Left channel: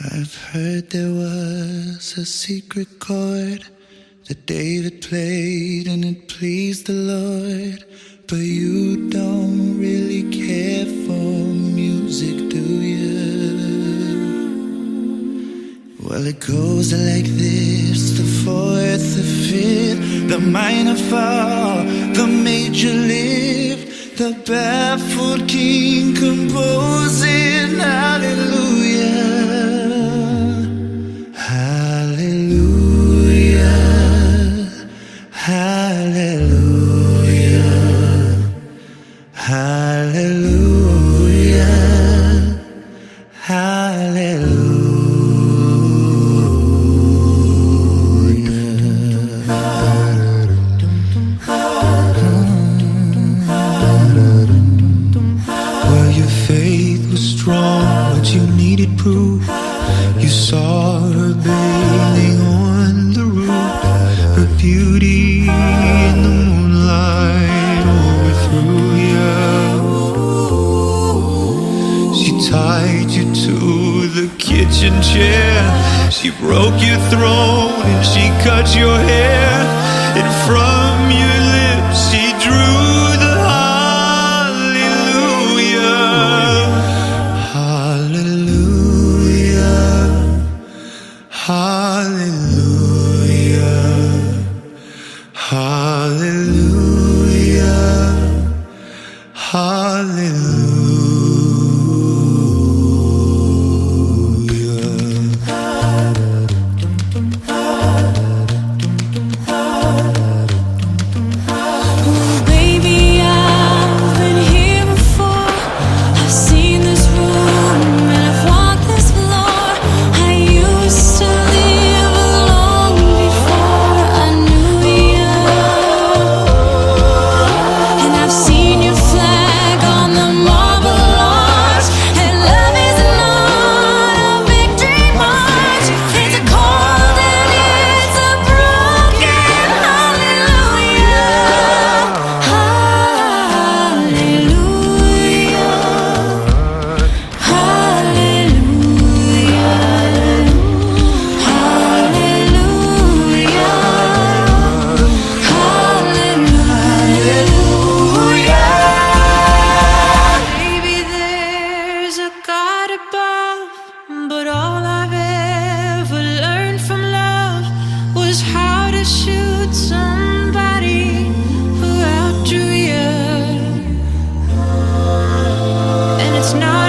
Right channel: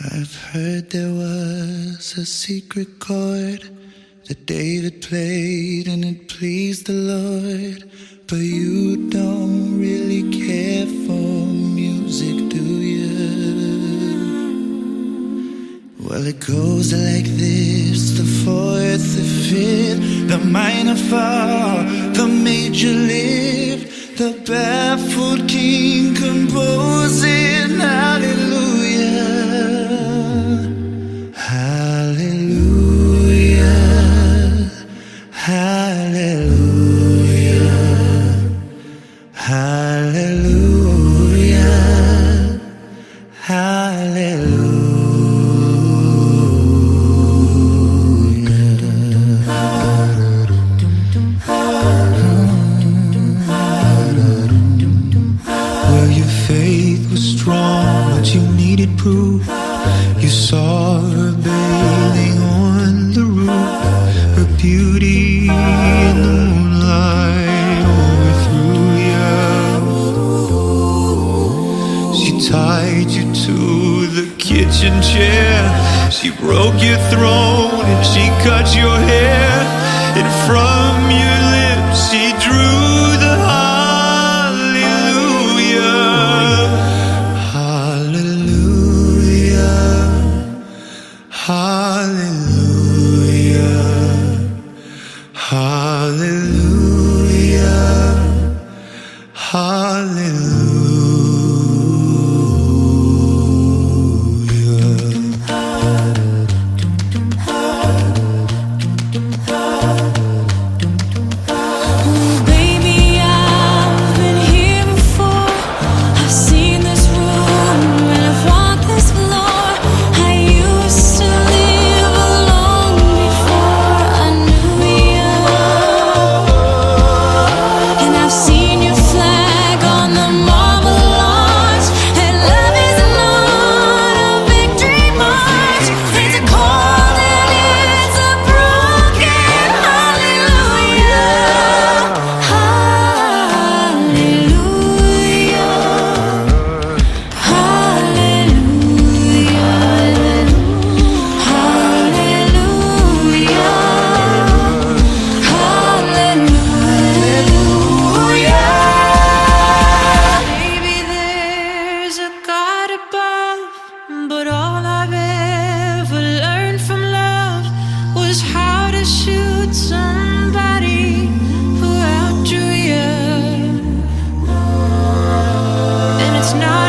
I've heard there was a secret chord that David played and it pleased the Lord. But you don't really care for music, do you? Well, it goes like this: the fourth, the fifth, the minor fall, the major lift, the baffled king composing hallelujah. Hallelujah, hallelujah, hallelujah, hallelujah. Well, your faith was strong, but you needed proof. You saw her bathing on the roof, her beauty in the moonlight overthrew you. She tied you to the kitchen chair, she broke your throne and she cut your hair, and from your lips she drew the hallelujah, hallelujah, hallelujah. Oh, baby, I've been here before. I've seen this room and I've walked this floor. I used to live alone before I knew you, and I've seen your flag on the marble arch. And love is not a victory march, it's a cold and it's a broken hallelujah. Hallelujah, hallelujah, hallelujah. Maybe there's a God above, but all I've ever learned from love was how to shoot somebody who outdrew you. And it's not